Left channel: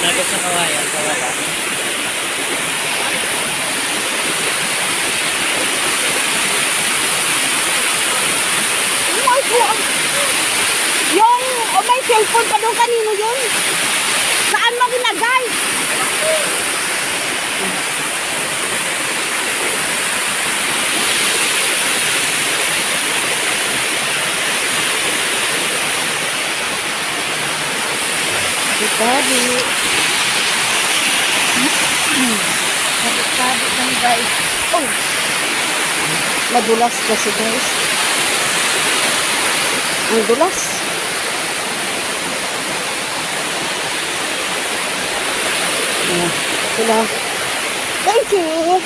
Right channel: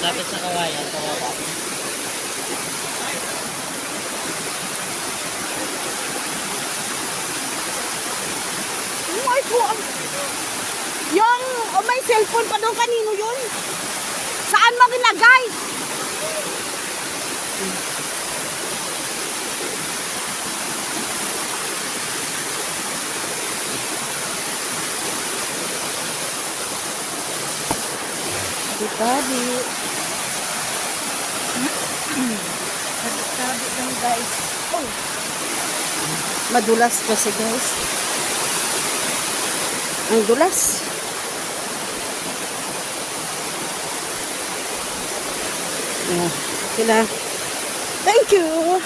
Dagat sa kawayan, kawala. Yung, o may cellphone pa doon kanino yun? Saan mo ginagay? Sabi. Sabi ng guys. Oh. Madulas kasi guys. Ang dulas. Ayan. Sila. Thank you.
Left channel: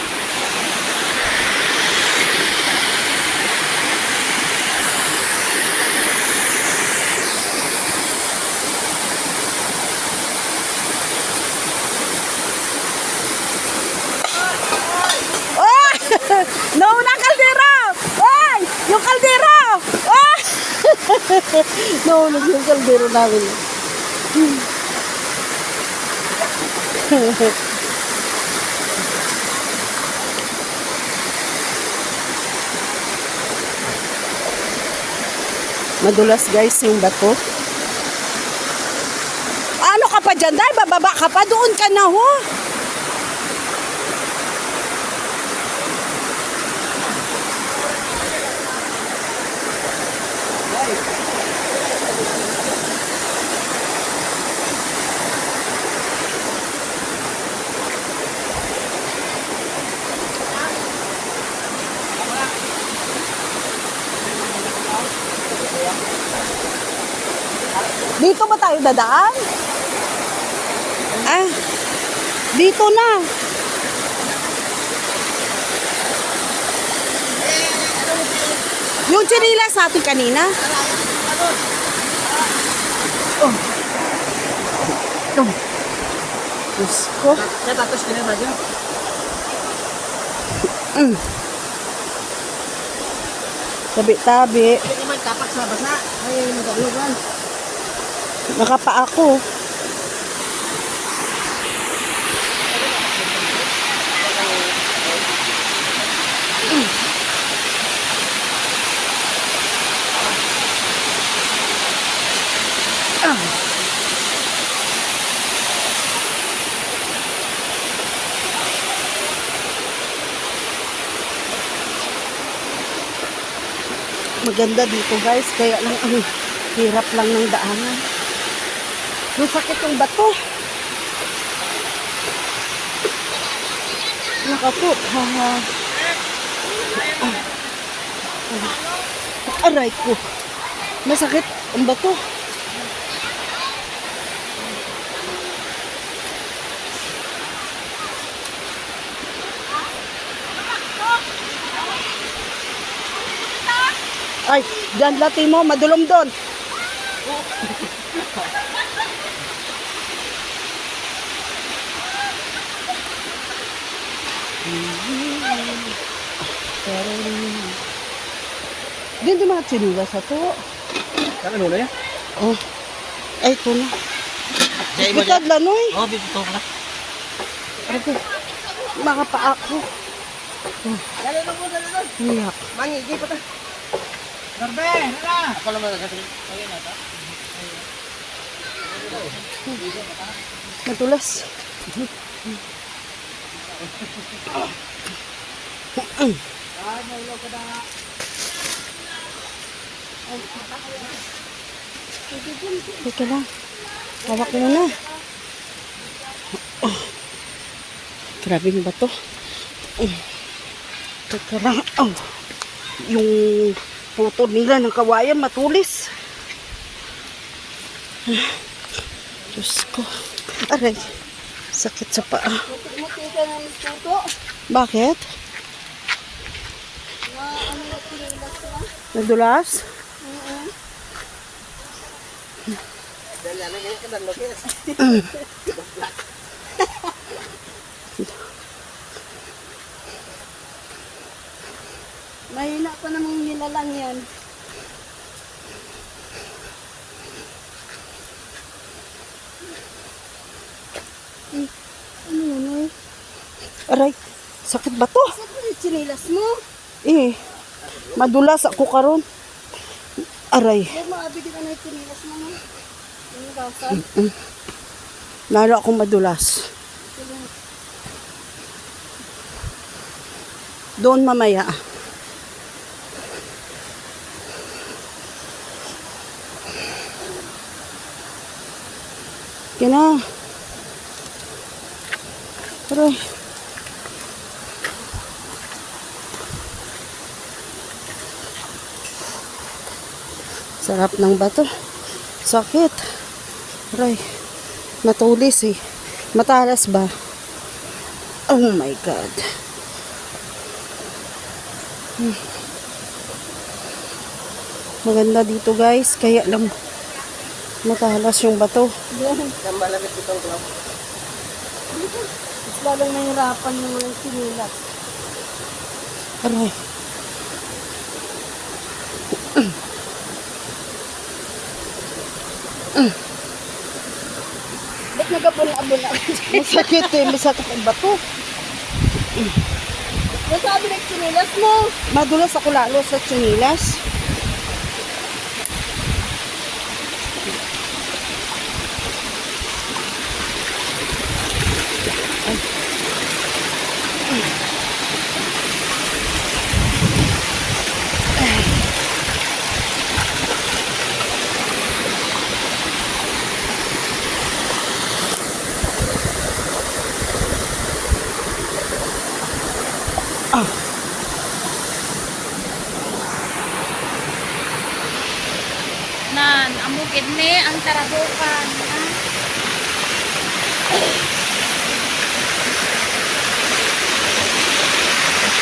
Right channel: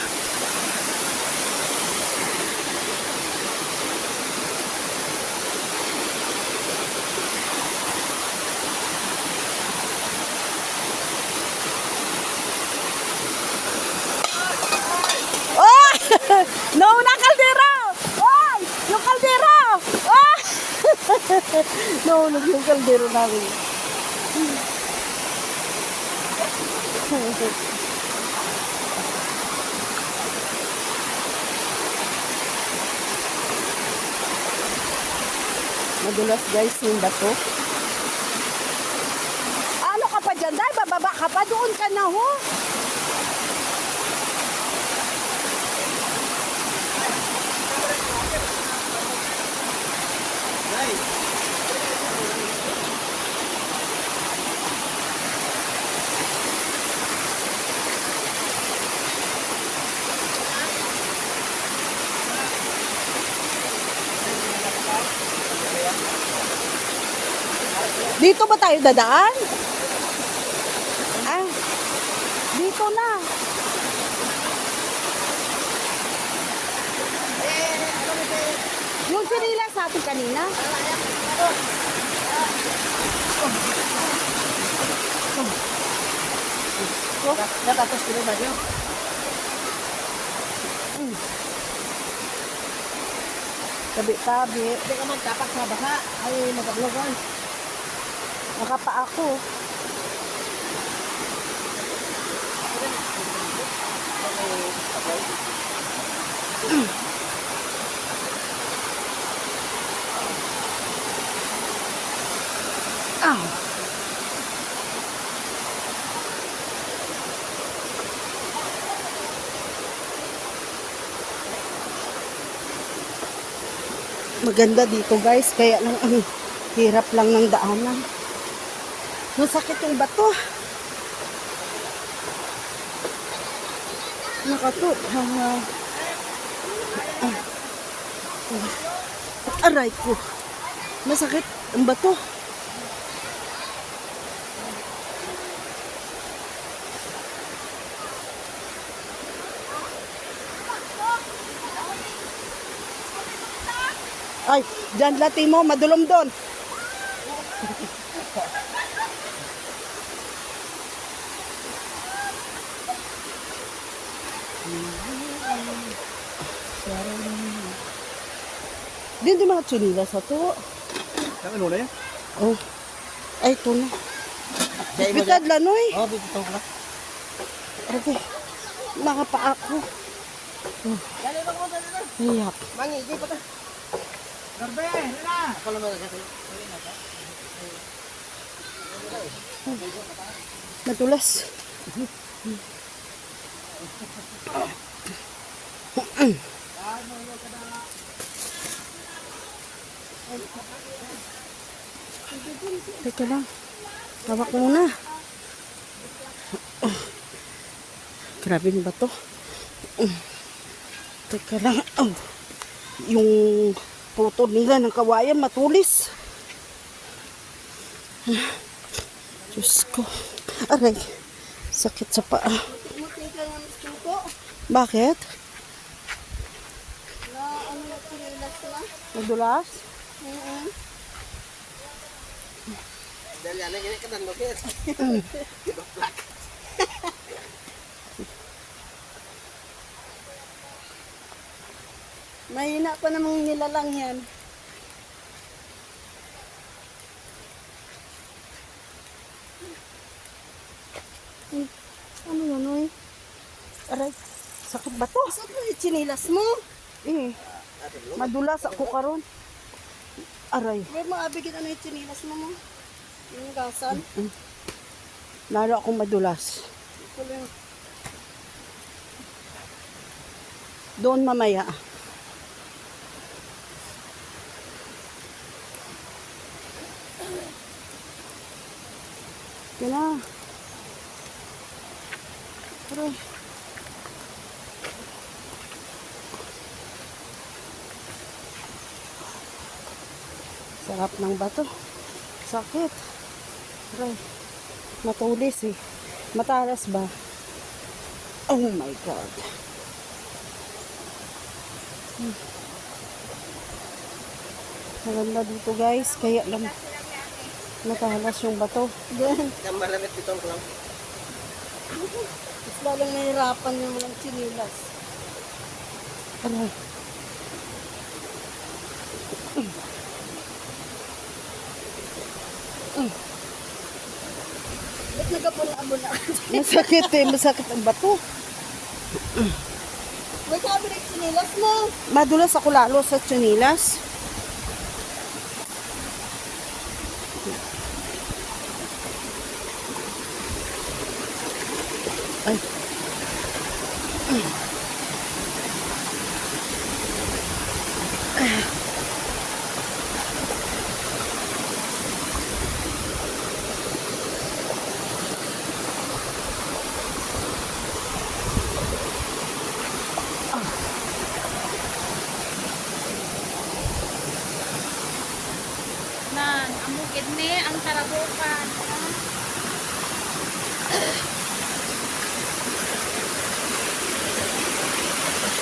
Nauna kaldero! Oy! Yung kaldero! Oh! Nauna yung kaldero namin. Madulas guys yung bato. Ano ka pa dyan, Day? Bababa ka pa? Doon ka na, ho? Dito ba tayo dadaan? Ah, dito na. Yung chinila sa atin kanina. Oh. Oh. Diyos ko. Tapos ka naman yun. Tabi-tabi. Hindi naman tapak sa basa. Ay, nagalogan. Nakapa ako. Ah. Maganda dito guys, kaya lang ang hirap lang ng daanan. Masakit yung bato. Nakato. Aray ko. Masakit ang bato. Ay, dyan lati mo, madulong doon. Diyan yung mga chinila sa to. Saan ano na yan? Oh. Ay, ito na. Dahil mo Bitad dyan? lang, oy. Oo, bibito ko na. Mga paa ko. Dali lang mo, dali lang. Hiyak. Mangi, di pa ta. Garbe, hala! Ako naman nagsasabi. Natulas. Teka lang. Hawak mo na. Grabe yung bato. Teka lang. Yung motor nila ng kawayan matulis. Diyos ko. Aray. Sakit sa paa. Muti ka na mas tuto. Bakit? Na ano na pinilas na. Nadulas? Mahina pa namang hilalang yan. Noy. Aray, sakit ba to? Saan mo yung chinilas mo? Eh, madulas ako karon. Aray, Yan mo, abigin na yung chinilas mo. Chinilasan. lalo akong madulas. Tuloy. Doon mamaya. Kina. Aray. Sarap ng bato. Sakit. Aray. Matulis eh. Matalas ba? Oh my God. Maganda dito guys. Kaya lang matalas yung bato. Yan. Mas lalong nahirapan yung walang chinilas. Aray. Ba't nagabula-abula? Masakit eh. Masakit ang bato. Nasabi na yung chinilas mo. Madulas ako lalo sa tsunilas. Nan, amukid ni ang tarabukan.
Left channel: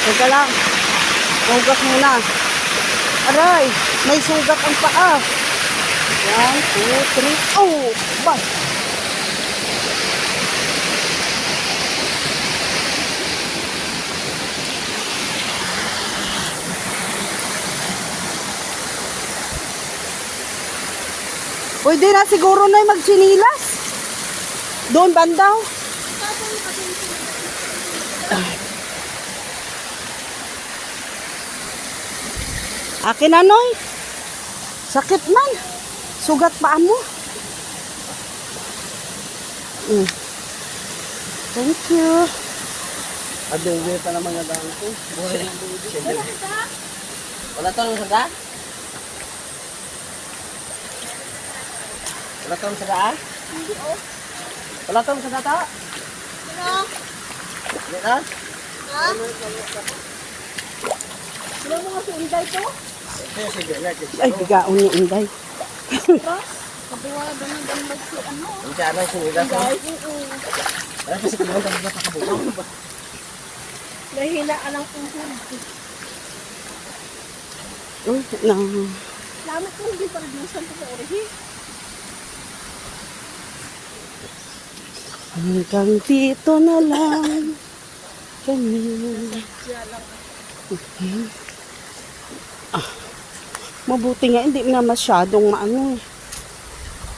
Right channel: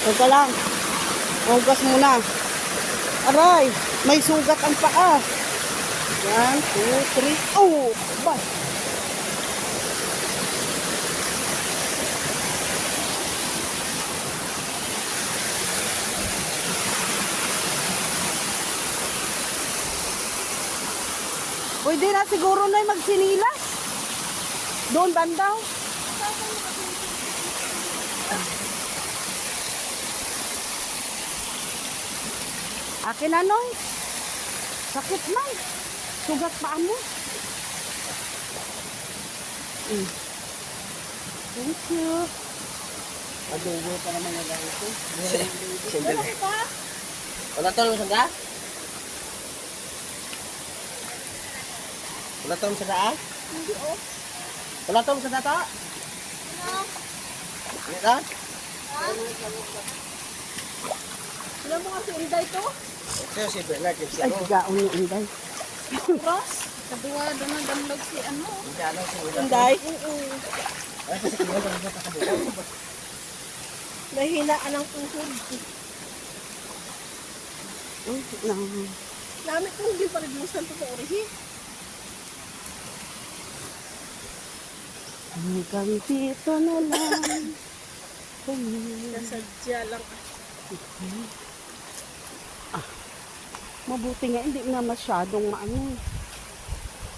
Teka lang. Hanggas muna. Aray, may sugat ang paa. 1, 2, 3. Oh, ba? Pwede na siguro na magsinilas. Doon bandaw. Akin na, Noy. Sakit man. Sugat paa mo. Thank you. Adengge pa naman na daan ko. Wala to naman sa daan? Wala to naman sa daan? Wala to naman sa data? Ano? Dita? Ha? Ano mo kasi unday ko? Ito yung sige. Like Ay, bigaon ni Inday. Tapos, sabi nga doon ang gamot si ano. Ang dyan ang sinilas. Unday? Ano kasi kinahin kami sa pakabulang? Nahina ka ng puso. Na. Dami kong hindi pag-dusan ko sa orihi. Hanggang dito na lang kami. Siya lang. Mabuti nga, hindi na masyadong maano.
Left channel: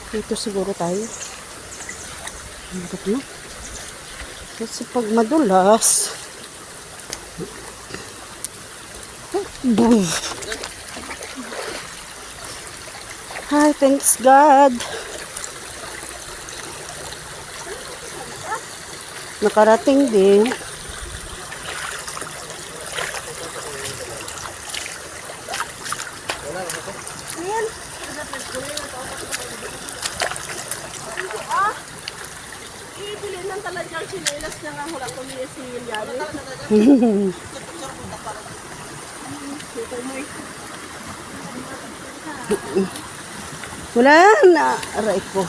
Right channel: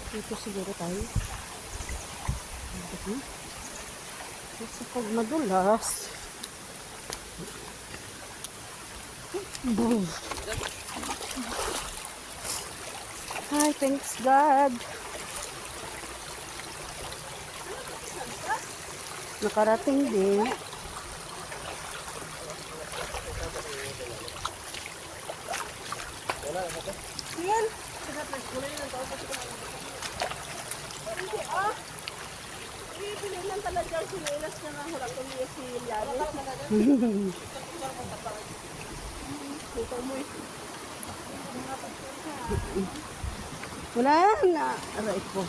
Dito siguro tayo. Hanggang na. Kasi pag madulas, boom. Hi, thanks God. Nakarating din. Ibili lang talaga ang sinilas na nga hula ko niya si Lilian. Wala na. Aray ko.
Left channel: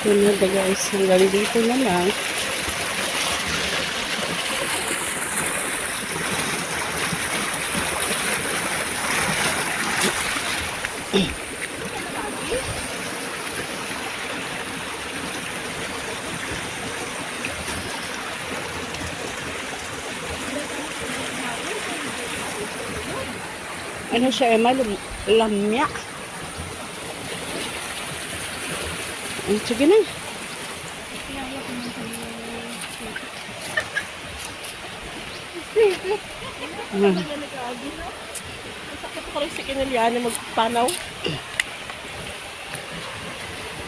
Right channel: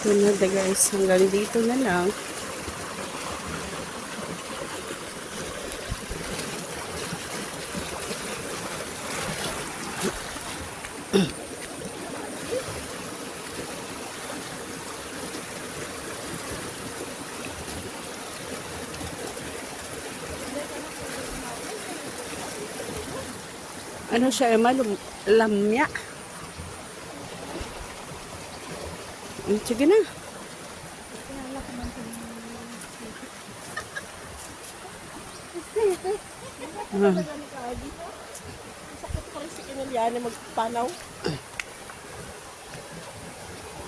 Ito na guys. Hanggang dito na lang. Ano siya, Emma? Lamya. Ay, sige na. Sakit ko rin si Kinilian na magpanaw.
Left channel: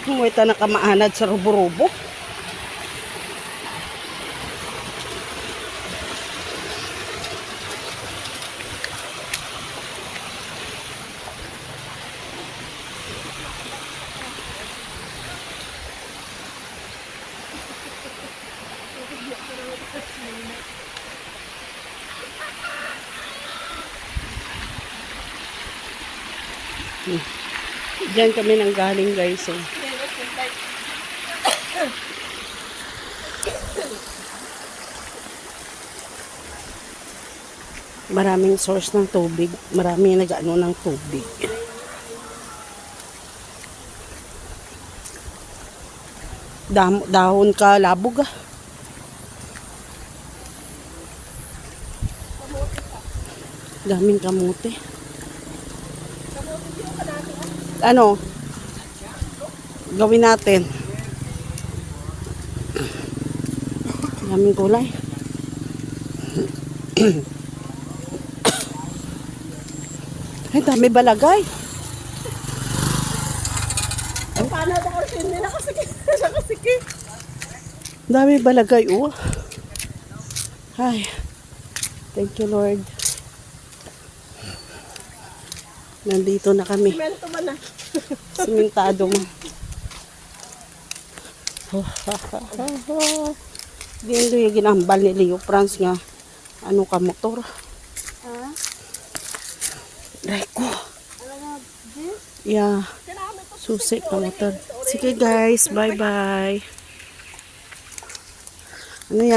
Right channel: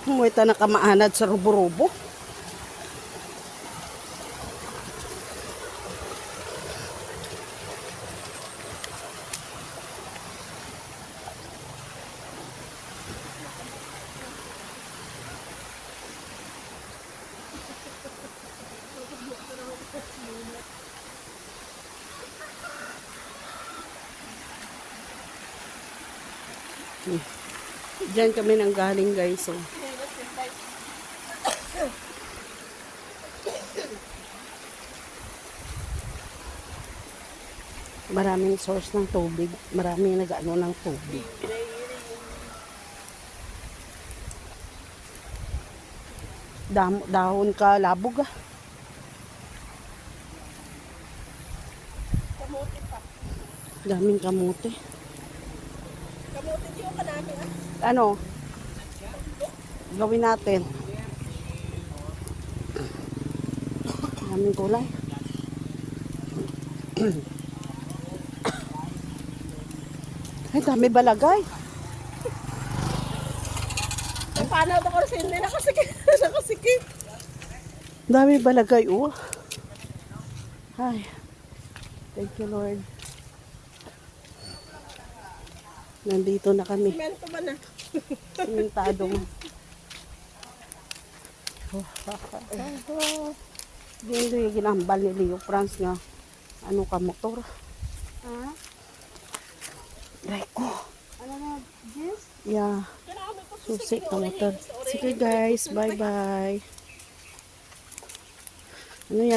Huwag ta nakamaanad sa rubo-rubo. Diyan kami nang galing, guys. Eh. Maraming source ng tubig. Maraming nag-ano ng tubig. Dahon ka, labog ah. Daming kamote. Ano? Gawin natin. Daming gulay. Ay, dami balagay. Paano ito kasi hindi nakasikip. Dami balagay, oh. Ay. Thank you, Lord. Nandito na kami. Mento man na. Simentado mo. Gendo yung ginambal ni Leo France nga. Ano ka motor? Reko. Yeah. Susi ka motor. Sige guys, bye-bye. Ano yan?